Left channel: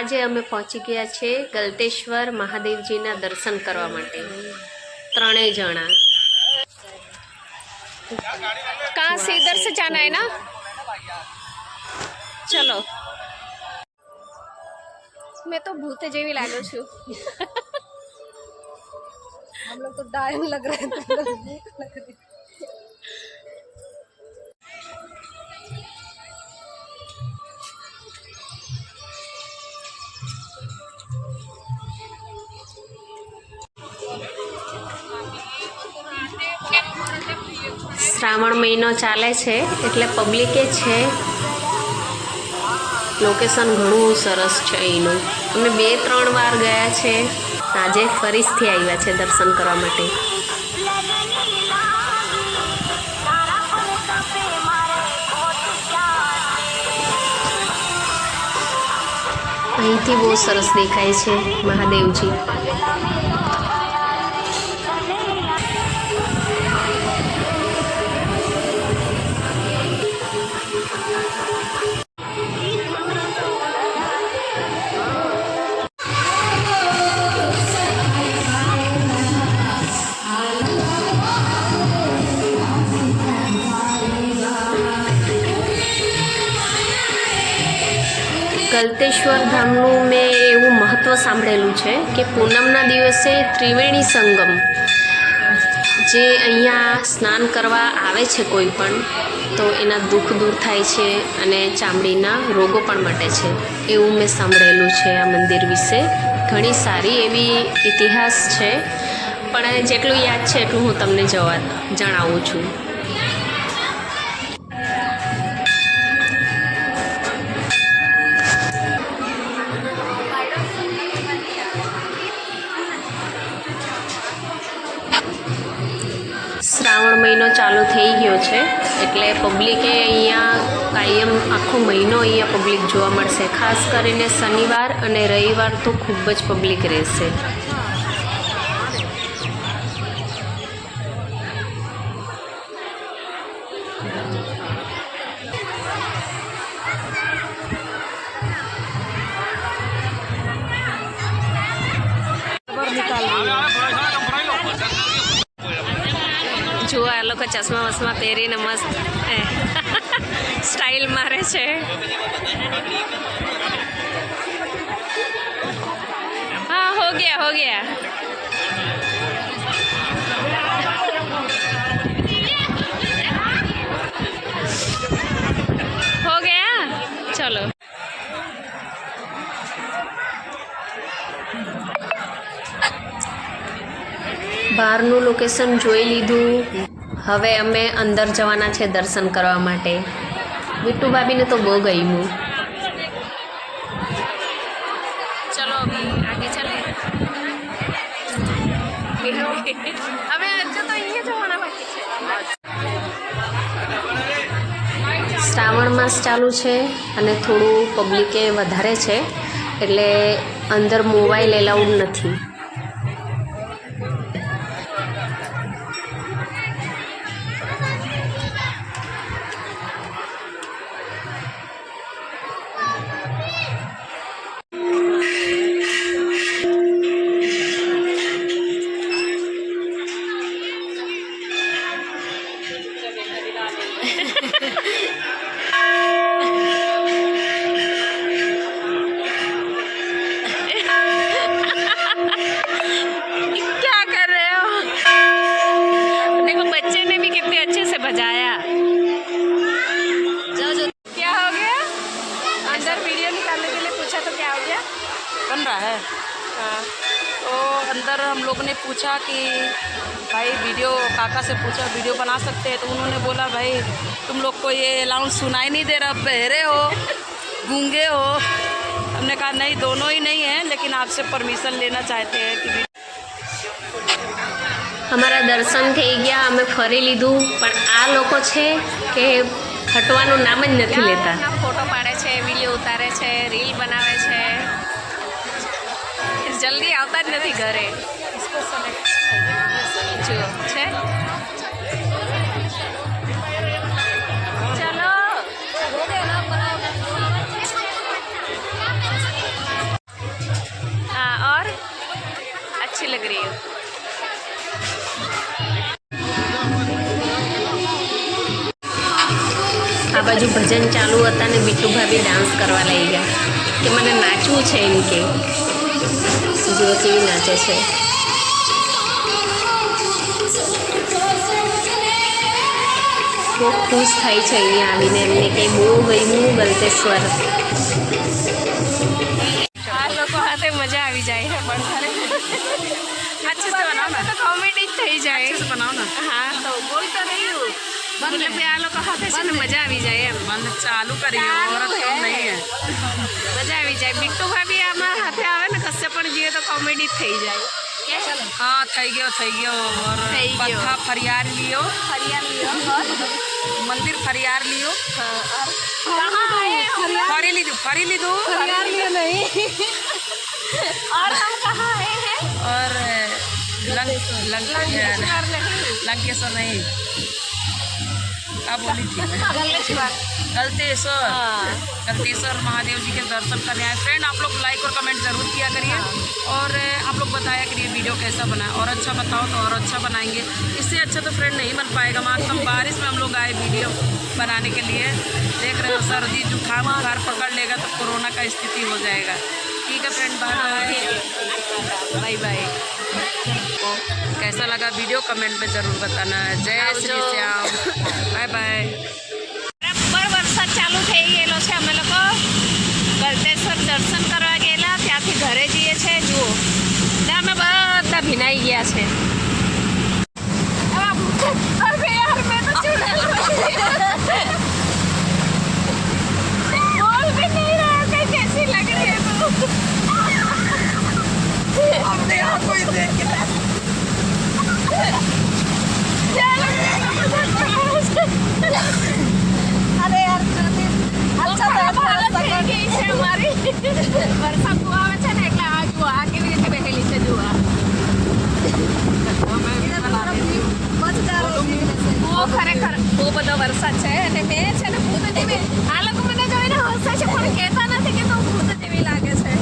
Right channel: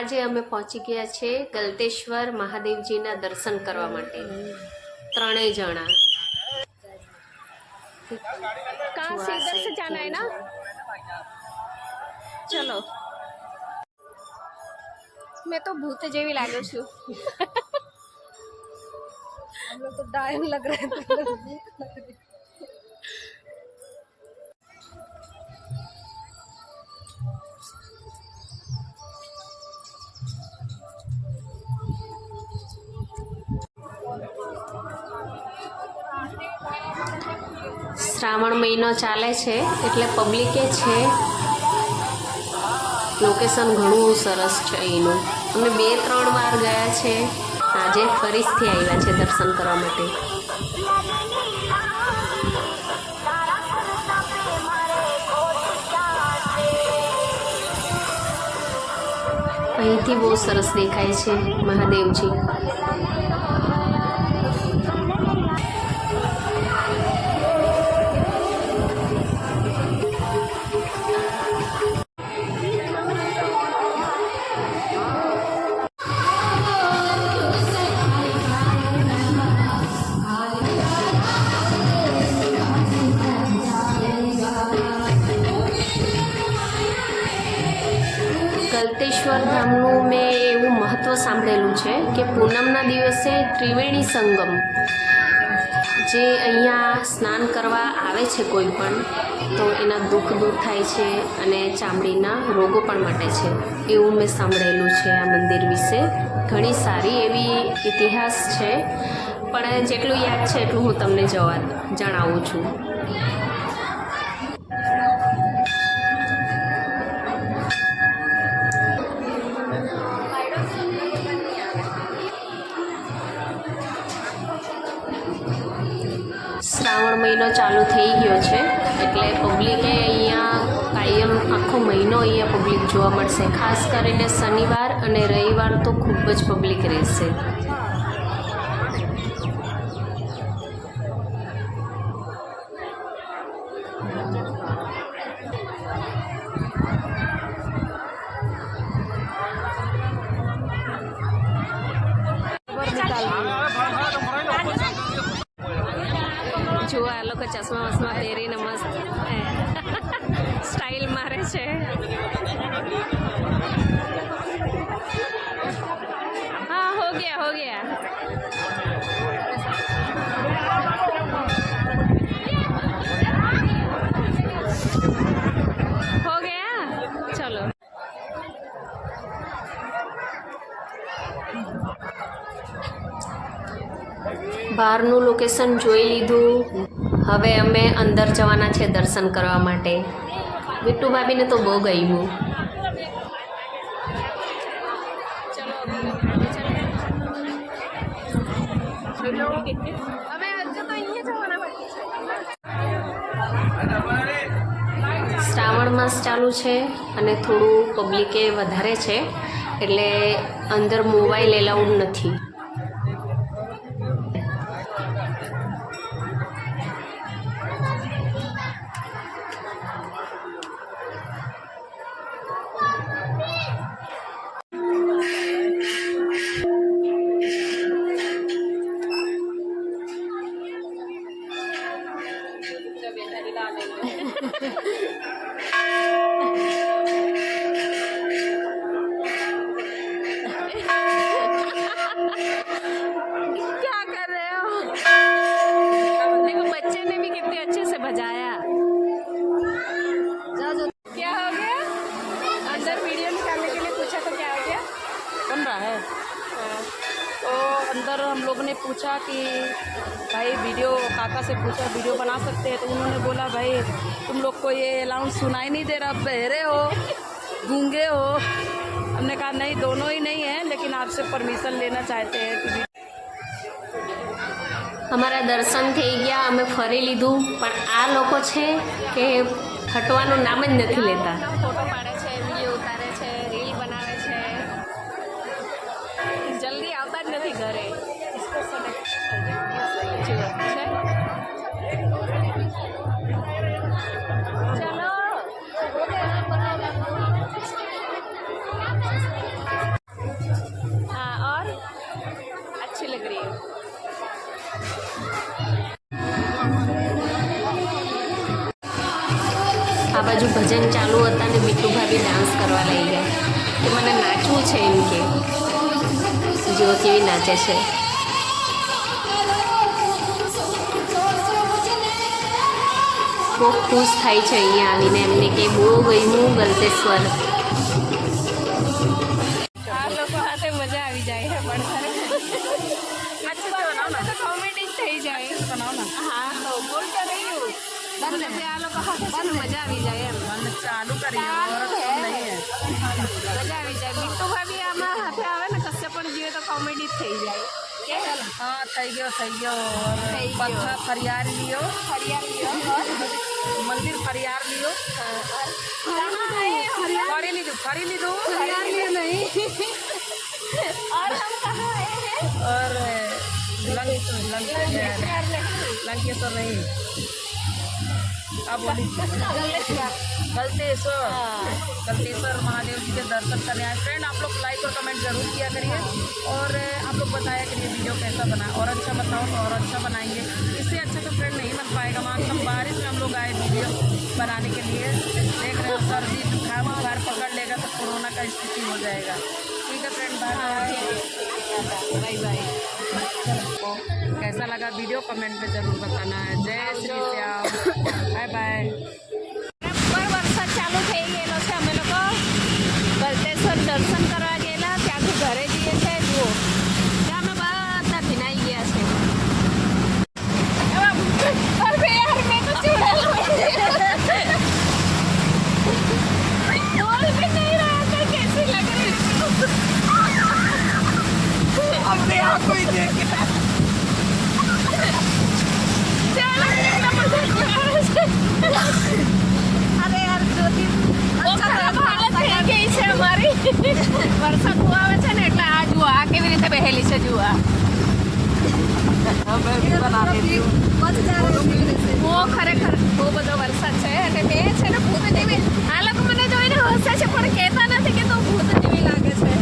આજે અમે પહોંચી ગયા છે ગલતેશ્વર મહાદેવજીના દર્શન કરવા માટે ત્રણેય જણા। कहाँ से इधर से जाना है ना? चलो। मैं तो भूत जेवी लागू छू। हम लोग तो डायन लग रहे हैं, तुम लोग भूत लग रहे हैं। श्रावण महीनो चाले छे एटले पब्लिके छे। लोकेशन घणुं सरस छे एनुं। अमे 2-3 वार गया छे। आजे फरीथी आव्या छे दर्शन करवा माटे। અહીંથી બહુ સરસ દેખાય છે મહાદેવજી। गलतेश्वर धामનું મેં એવું મહત્ત્વ સાંભળેલું છે કે પૂનમના દિવસે ત્રિવેણી સંગમ જે અહીંયા સ્નાન કરવા આવે છે કોઈ પણ તો એના દુઃખ દૂર થાય છે અને ચામડીના રોગો પણ મટે છે એવું મેં સાંભળેલું છે આ મંદિર વિશે। ઘણી સારી એવી ઇતિહાસ છે પણ જેટલું યાદ છે એટલું હું તમને જણાવું છું। श्रावण महीनो चालू थई गयो छे एटले पब्लिके अहींया कायम आखो महीनो अहींया पब्लिक जोवा मळशे। खास करीने शनिवार अने रविवार तो खूब ज पब्लिक रहेशे। जो आ लोग चश्मा वश्मा पहरीने मस्त स्टाइल मारे छे। हाँ हो गया हो गया। हो गया चलो। બહારનું લોકેશન જોઈ લીધું। હવે અમે અંદર જવાના છે દર્શન કરવા માટે। વિટ્ટુ ભાભીને તો બહુ ગમ્યું। ચલો અભી આગે ચલે। હવે હજુ તો અહીંયા જવાના બાકી છે। શ્રાવણ માસ ચાલુ છે અને થોડું પબ્લિકે વધારે છે એટલે અંદર મોબાઈલ એલાઉડ નથી। क्या कर रहे हो? देखो बच्चे ने भी कितने अच्छे से बजाया। क्या हो गया? अंदर वीडियो निकालने के लिए पूछा तो क्या हो गया? बन रहा है। हाँ तो अंदर हम लोग ने पूछा कि भाई वीडियो काका से पूछा वीडियो बना सकते हैं, तो उन्होंने बोला भाई तुम लोग को ये अलाउंस सुनाई नहीं दे रहा, बहरे हो गूंगे हो। हमने कहा नहीं, दोनों ही नहीं है, लेकिन आपसे परमिशन लेना चाहते हैं कि અમારા દર્શન થઈ ગયા। અમે ફરી લીધું પણ આ લોકો છે કે હટવાનું નામ જ નથી લેતા। ફોટો પાડે છે, વિડીયો ઉતારે છે, રીલ બનાવે છે, જલ્દી આવતા જ નથી ઘરે। જુઓ છે ચલો। लग रही है। આ બાજુ ભજન ચાલુ હતા ને બીટુ ભાભી ડાન્સ કરવા લઈ ગયા કે મને નાચવું છે એમ કે જો કેવી નાચે છે. બહુ ખુશ થાય છે અહીંયા આવીને એમને કે બહુ ગમ્યું ગલતેશ્વર. આ લોકો હાથે મજા આવી જાય પણ अच्छे से बनाओ ना, તો કોમેડી જ થઈ જાય. अच्छे से बनाओ ना. હા તો બોલ તો રહ્યું બોલે કે આ લોકો હાથે છે ને મજા આવી જાય એમ. मन चालू करिए, औरत कम नहीं है. મજા આવી જાય. બીટુ ભાભી આમાં હાથે આવે ને કશે પણ જઈએ તો કોમેડી જ થઈ જાય. हाँ થઈ ગયો और થઈ ગયો. पत्था फरियार लियो, ફરિયાદ લ્યો मंदिर फरियार लियो, फरी लीधु फरियाद ल्यो नहीं. और हम कहाँ आए हैं? और लंकेश्वर नहीं, क्या बोली थी मैं? गलतेश्वर महादेव जी के दर्शन करने आए. फ्रेंड आप लोग लाइक और कमेंट ज़रूर किया करिए और आप लोग बताया करिए वीडियो कैसा बना और अच्छा बताओ तो और अच्छा बनाएंगे. इससे अच्छा तो फ्रेंड नहीं बन पाएगा. मानता हूँ बारिश में हम लोग आए वीडियो बनाने के लिए. देख रहे हो सर्दी जुकाम बुखार पकड़ लेगा तो कोरोना का स्थिति हो जाएगा. ठीक है फ्रेंड, बाय बाय. कैसा लगा वीडियो कमेंट में ज़रूर बताना है. जय श्री श्याम, बाय बाय. બરાબર વરસાદ ચાલુ થઈ ગયેલો છે. અમે લોકો ગલતેશ્વર દર્શન કરવા ગયેલા, ત્યાંથી ઘરે જઈએ છે. જુઓ ત્યાં અમે બધા ભીનાઈ ગયા છે. अपने आप को ही देख के અરે યાર હાલત થઈ ગઈ છે અમારી. વરસાદ બહુ આવે છે ને એટલે આ જુઓ આ કેવી રીતે બેહેલી છે. જુઓ બહુ ખરેખર બહુ બધો વરસાદ છે અને બે છે ને ભૂત જેવી. આ લોકો મને જોઈને હસે છે પણ કહેતા નથી કે તો ભૂત જેવી લાગે છે.